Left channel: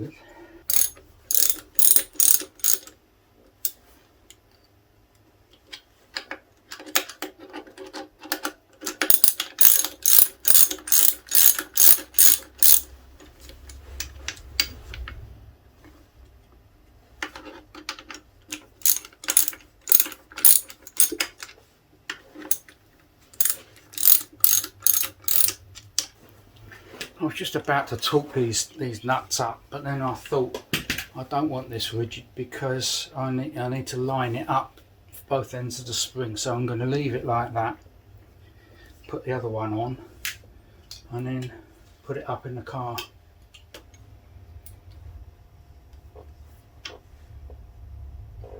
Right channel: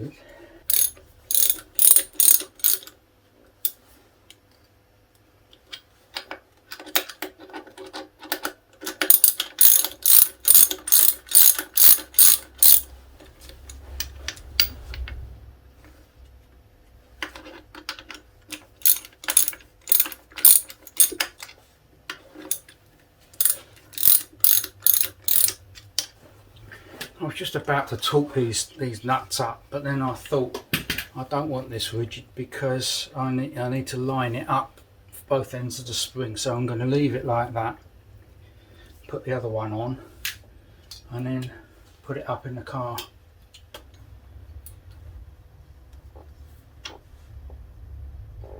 good. I was just about to torque these nuts up, but then I thought I don't want this rigid because I need to line it up for both ends of the spring, so I'm going to leave it like that, put the other one on, and then put it up in the car.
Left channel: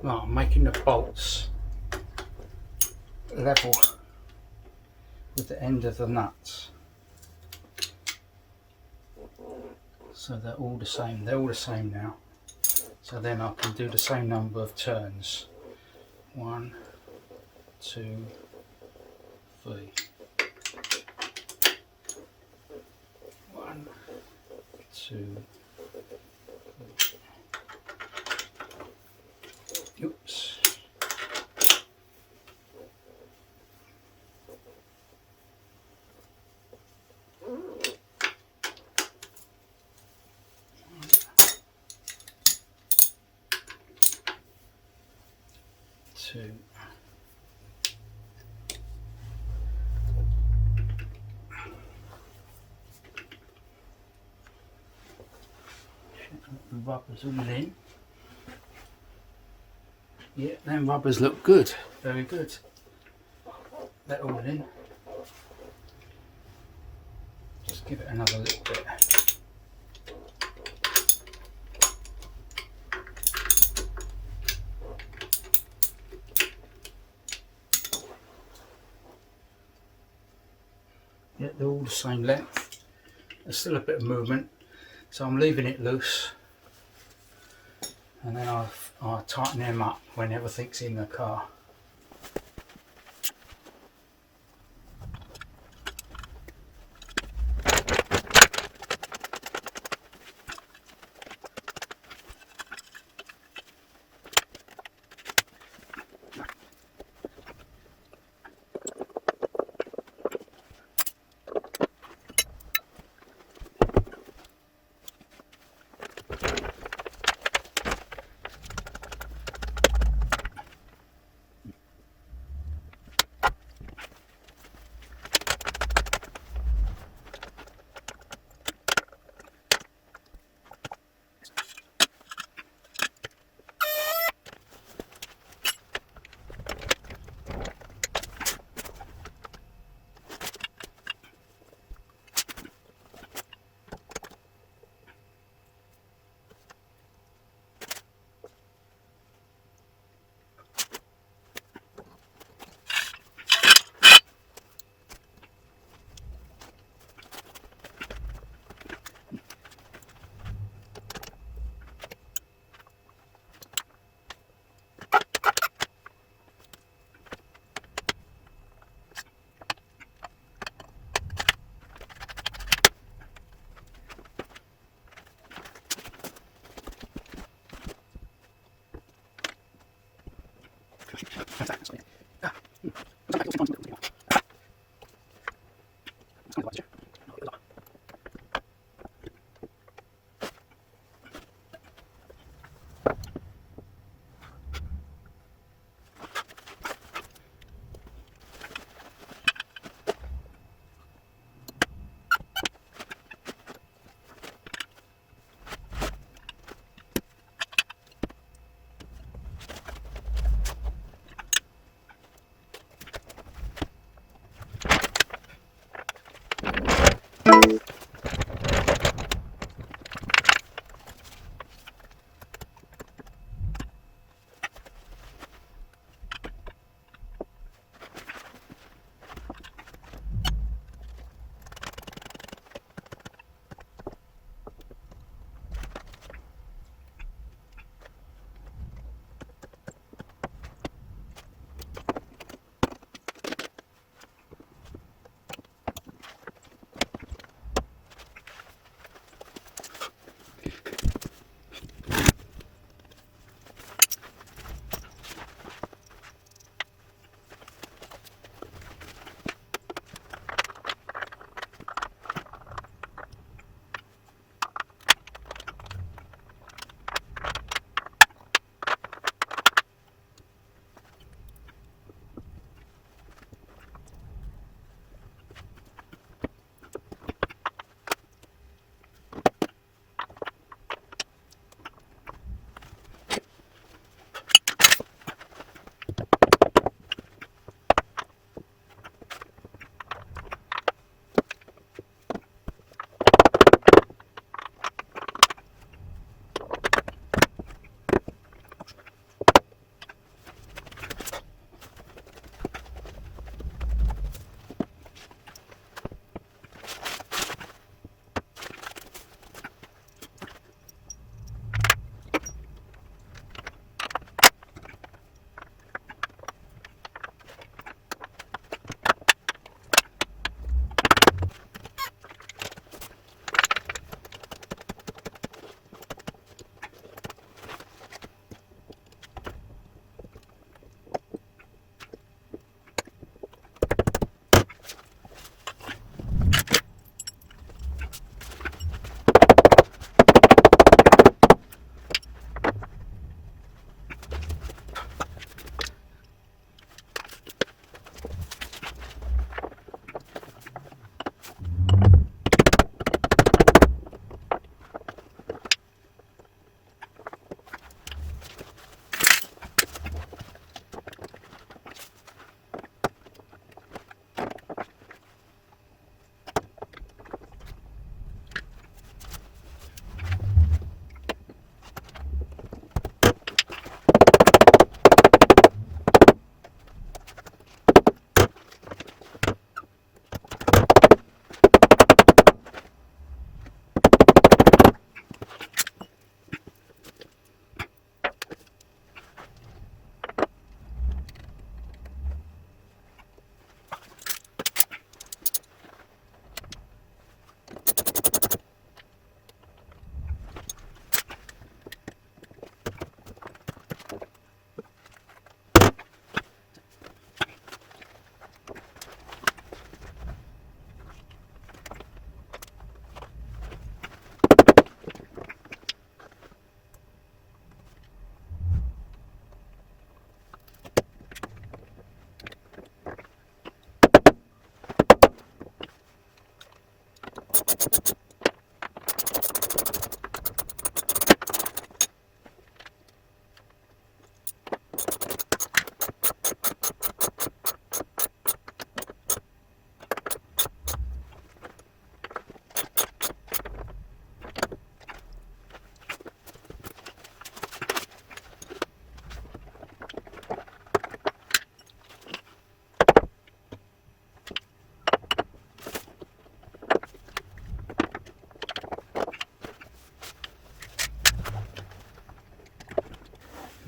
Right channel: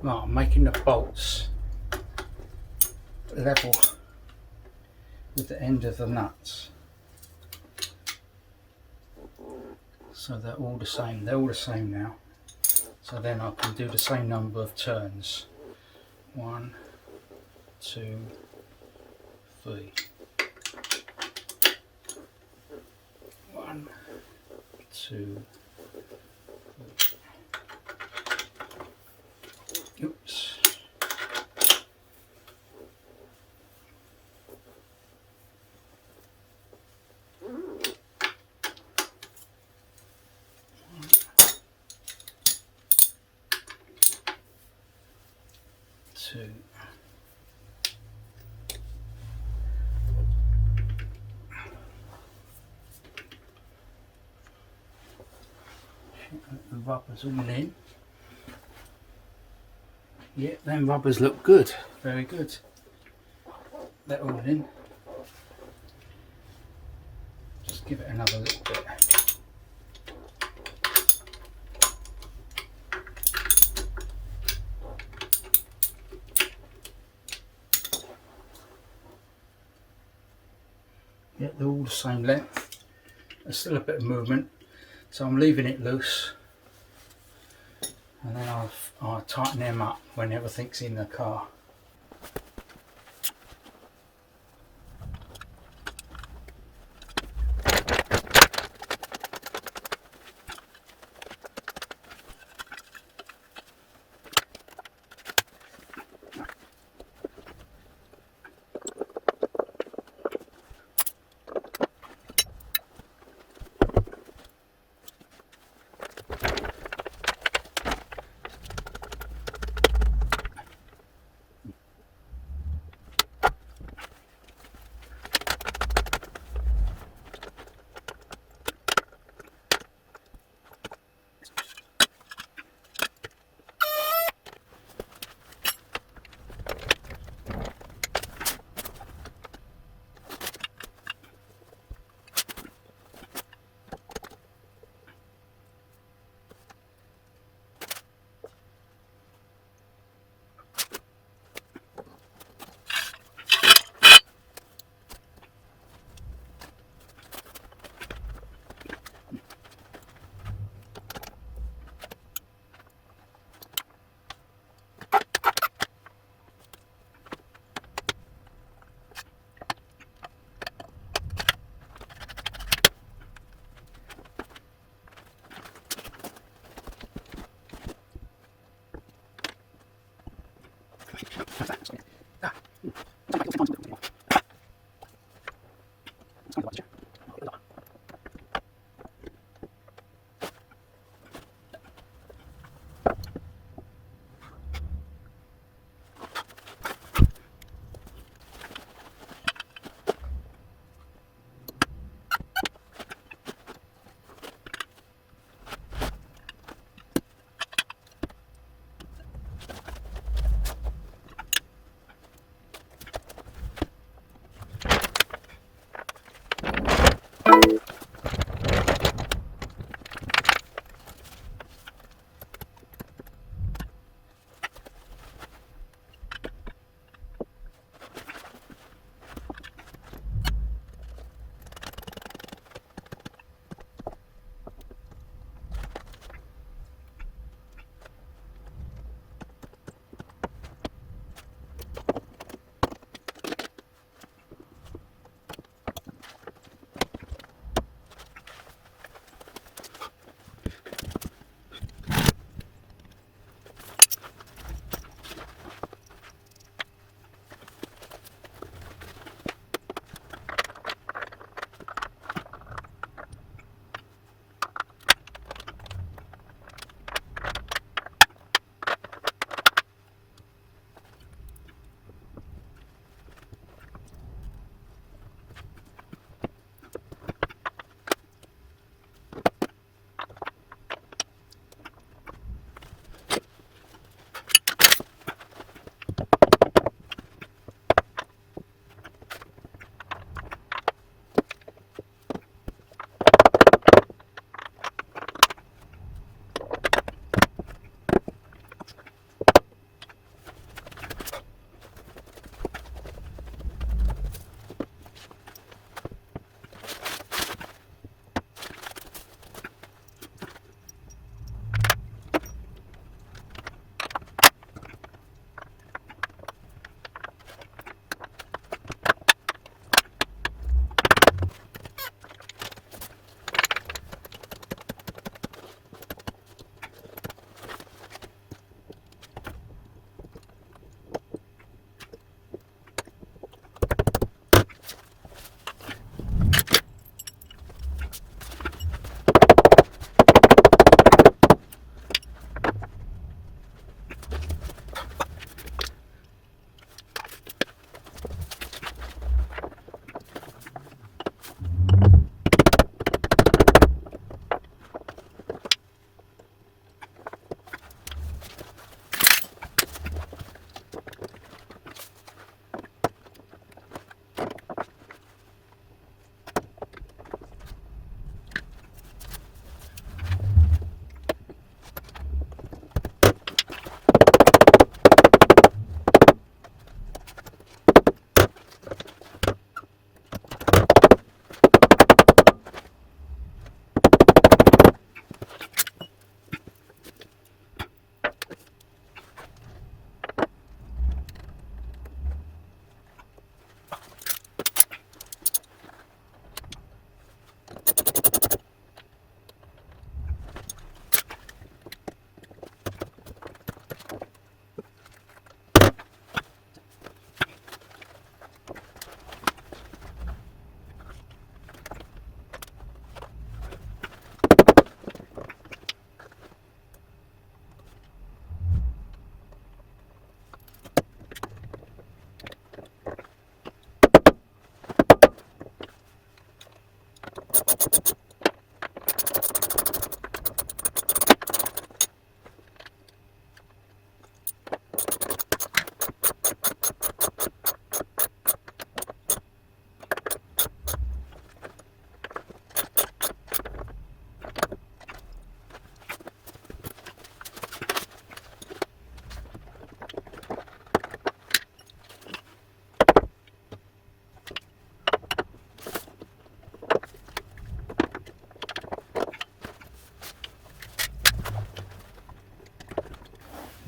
Right, I'm making the bolts level with the end of the nuts, so they're all the same. They're all the same now, so then I can do the same number of turns. 1, 2, 3. 1, 2, 3. Oops. Two. The rubbers all in. Yeah, them rubbers look good, very good. They're all in. Just give it another little bit. Yeah, they're all the same length. There's still a bit of movement, so I'm leaving it loose, and then I'll tighten them up when everything's in the car.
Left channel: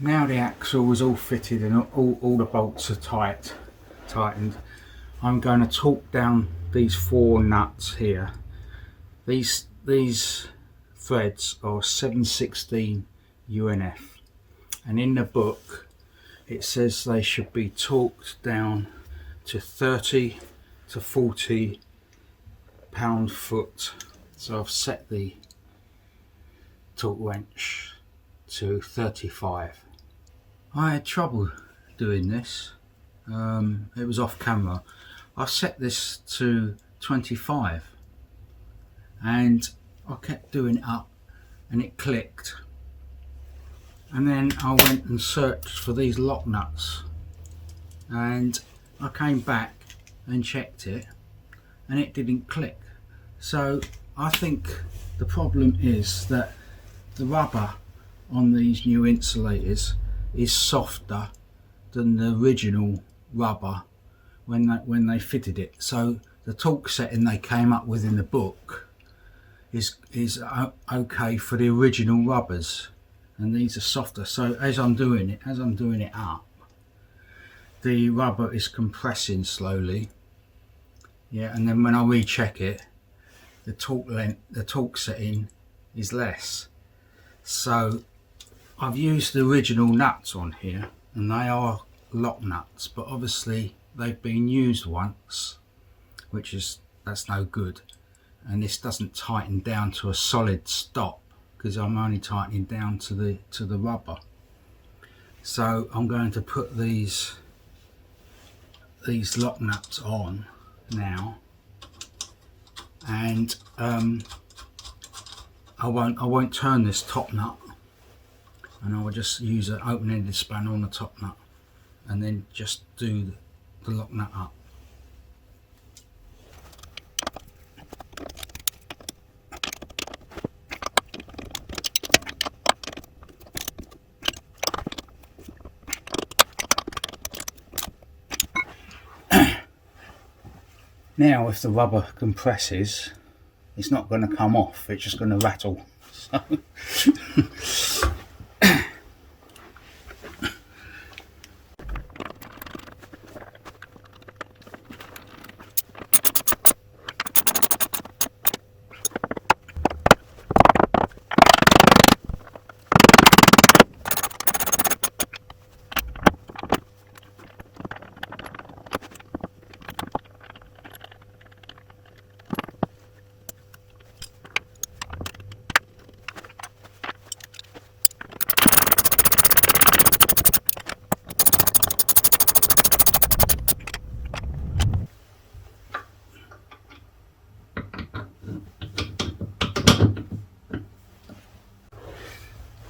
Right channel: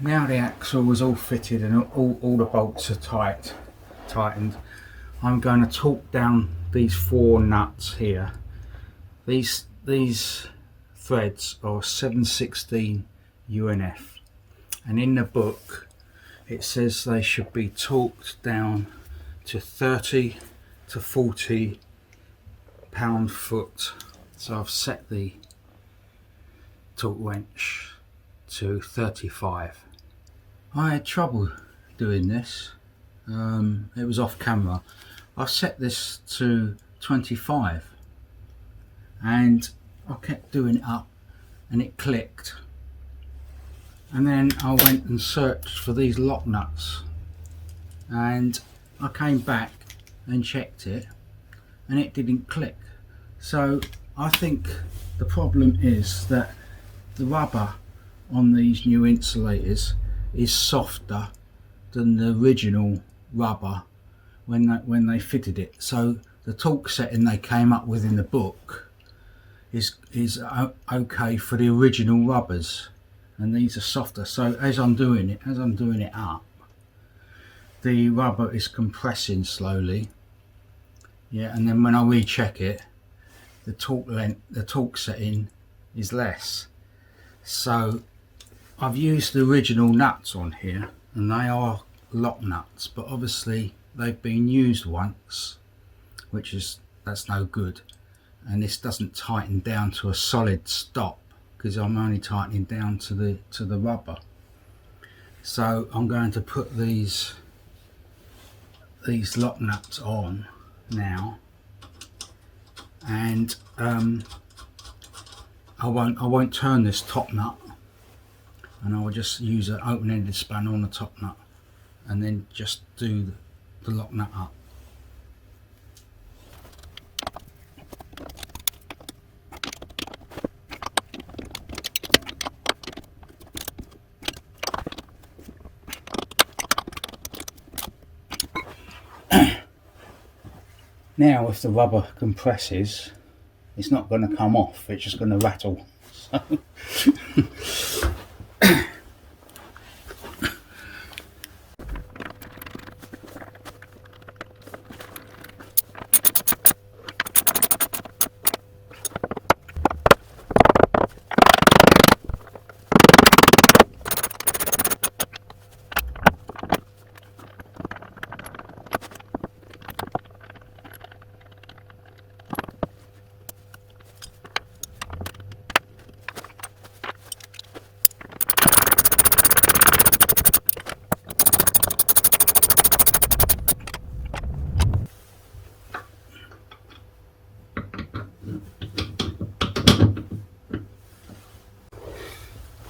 Now the axle is all fitted and all the bolts are tightened, I'm going to torque down these 4 nuts here. These threads are 7/16 UNF, and in the book it says they should be torqued down to 30 to 40 pound-foot. So I've set the torque wrench to 35. I had trouble doing this. It was off camera. I set this to 25 and I kept doing it up and it clicked, and then I went and searched for these lock nuts and I came back and checked it and it didn't click. So I think the problem is that the rubber on these new insulators is softer than the original rubber when they fitted it. So the torque setting they came up with in the book is okay for the original rubbers, and these are softer. So as I'm doing it up, the rubber is compressing slowly, yeah, and then when I recheck it, the torque setting is less. So I've used the original nuts on here, and they are lock nuts, but obviously they've been used once, that's no good, and this doesn't tighten down to a solid stop because I'm only tightening down to the rubber. So I'm going to put these lock nuts on now, and I won't turn this top nut, and I will just use an open-ended spanner on the top nut and then just do the lock nut up. Now if the rubber compresses, it's not going to come off, it's just going to rattle. So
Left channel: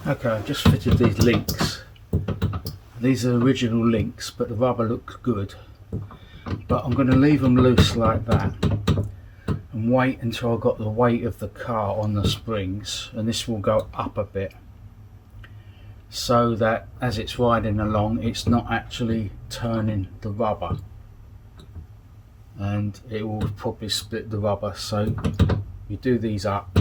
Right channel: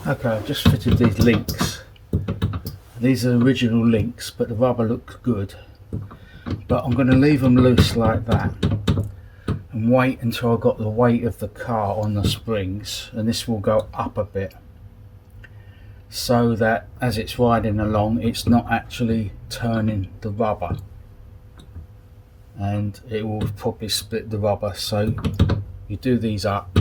okay, I've just fitted these links. These are original links, but the rubber looks good. But I'm going to leave them loose like that and wait until I've got the weight of the car on the springs, and this will go up a bit so that as it's riding along it's not actually turning the rubber, and it will probably split the rubber. So you do these up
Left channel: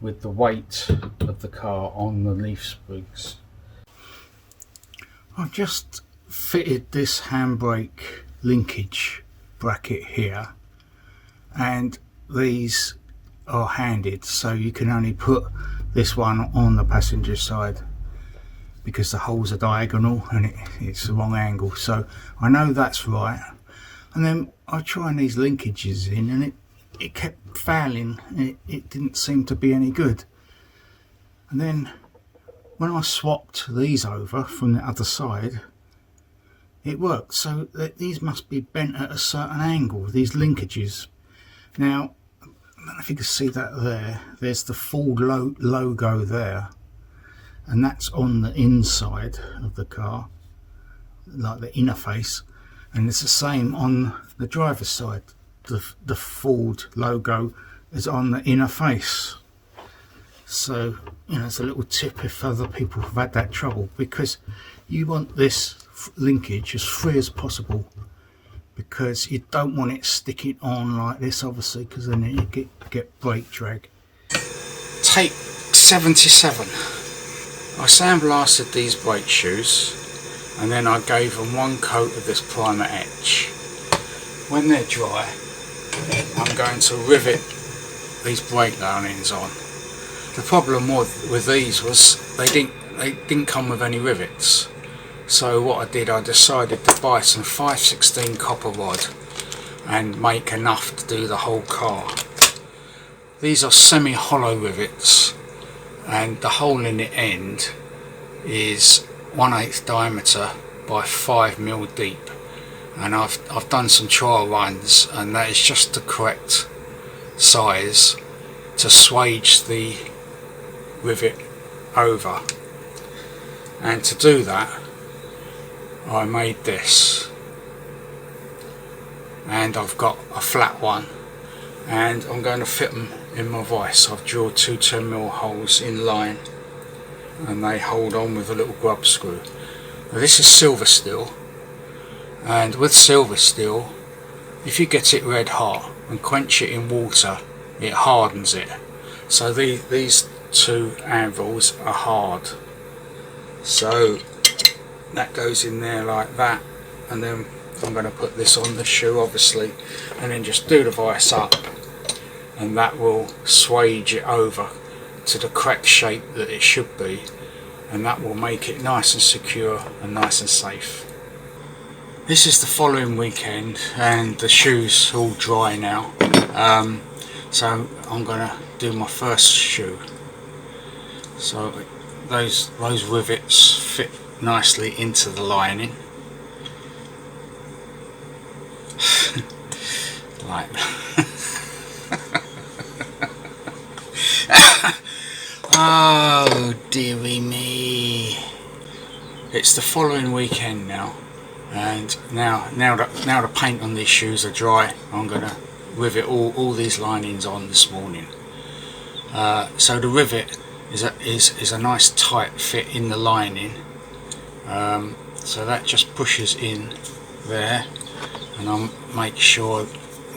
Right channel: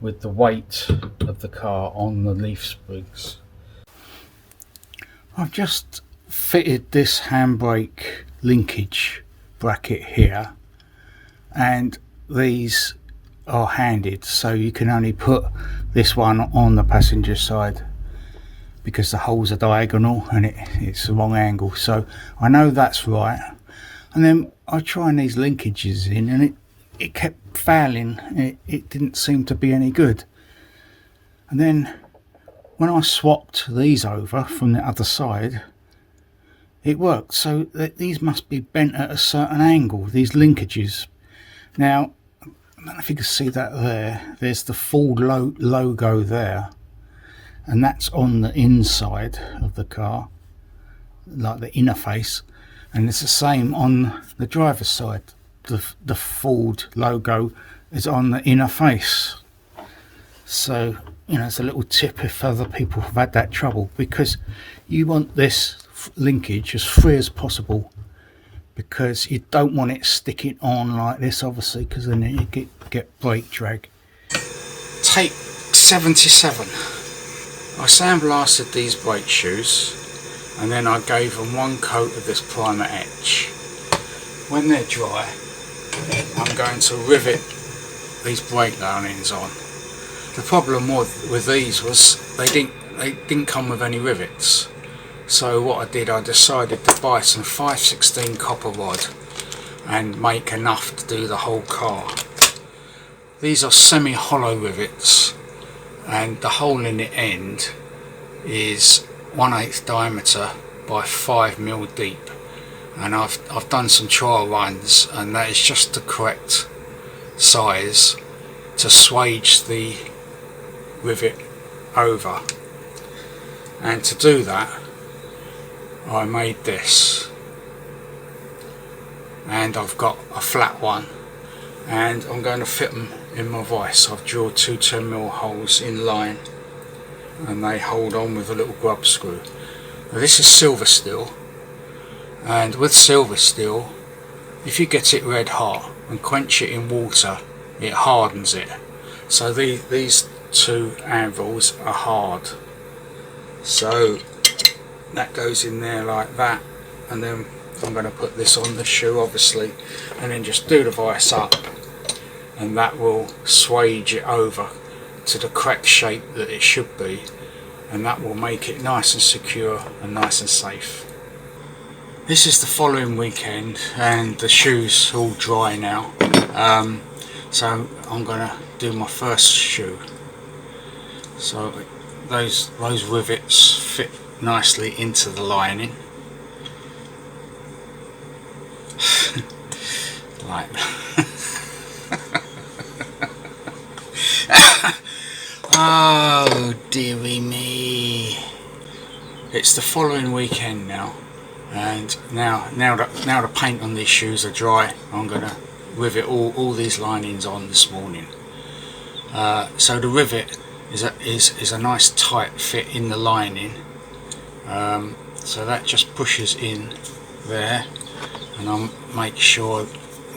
with the weight of the car on the leaf springs. I've just fitted this handbrake linkage bracket here, and these are handed, so you can only put this one on the passenger side because the holes are diagonal and it's the wrong angle. So I know that's right, and then I tried these linkages in and it kept failing, and it didn't seem to be any good. And then when I swapped these over from the other side, it worked. So these must be bent at a certain angle, these linkages. Now I don't know if you can see that there's the Ford logo there, and that's on the inside of the car, like the inner face, and it's the same on the driver's side. The Ford logo is on the inner face. So, you know, it's a little tip if other people have had that trouble, because you want this linkage as free as possible, because you don't want it sticking on like this, obviously, because then you get brake drag. Tape 77. I sandblasted these brake shoes and then I gave them one coat of this primer etch. When they're dry, I'm going to rivet these brake linings on. The problem with these was they didn't come with any rivets. So what I did, I decided to buy some 5/16 copper rod and make enough to do the whole car. These are semi-hollow rivets, and the hole in the end is 1/8 diameter by 5mm deep. And I've done some trial runs, and that is just the correct size to swage the rivet over. And to do that, I made this, and I've got a flat one, and I'm going to fit them in my vise. I've drilled two 10mm holes in line, and they hold on with a little grub screw. Now this is silver steel, and with silver steel, if you get it red hot and quench it in water, it hardens it. So these two anvils are hard. So that goes in there like that, and then I'm going to put this on the shoe obviously, and then just do the vise up, and that will swage it over to the correct shape that it should be, and that will make it nice and secure and nice and safe. This is the following weekend, and the shoes all dry now, so I'm going to do my first shoe. So those rivets fit nicely into the lining like oh dearie me. It's the following weekend now, and now the paint on these shoes are dry. I'm gonna rivet all these linings on this morning. So the rivet is a nice tight fit in the lining. So that just pushes in there, and I'll make sure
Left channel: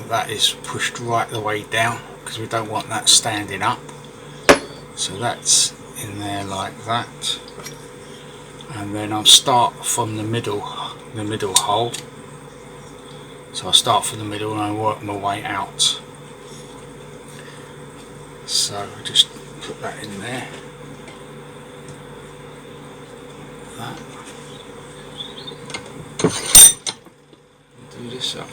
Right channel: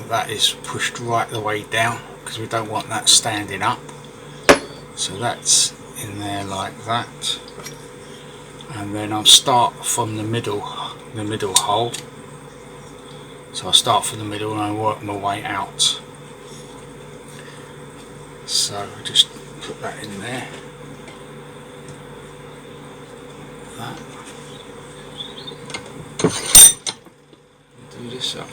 that is pushed right the way down, because we don't want that standing up. So that's in there like that, and then I'll start from the middle hole. So I'll start from the middle and I work my way out. So just put that in there. That. Do this up.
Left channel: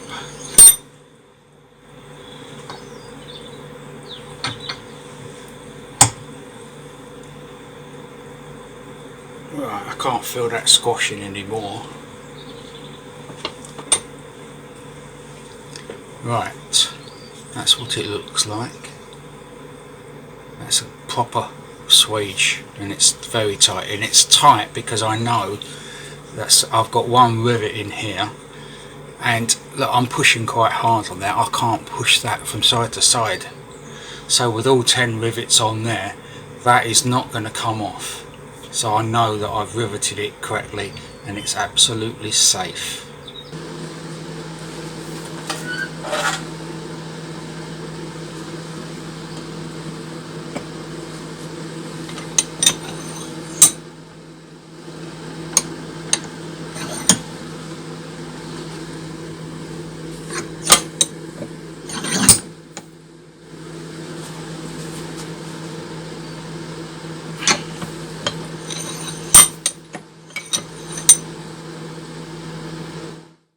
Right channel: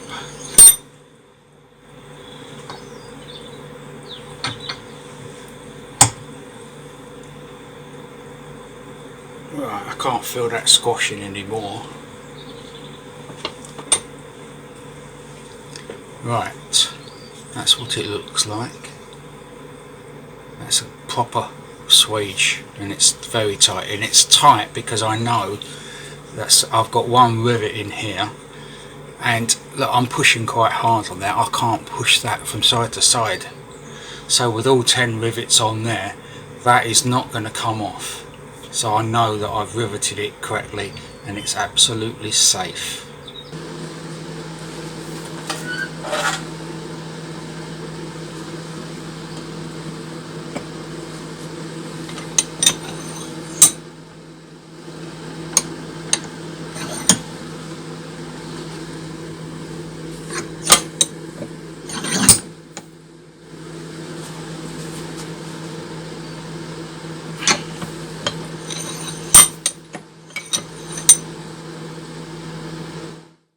Right, I can't feel that squashing anymore. Right, that's what it looks like. That's a proper swage, and it's very tight, and it's tight because I know that I've got one rivet in here, and look, I'm pushing quite hard on that. I can't push that from side to side, so with all 10 rivets on there, that is not going to come off. So I know that I've riveted it correctly and it's absolutely safe.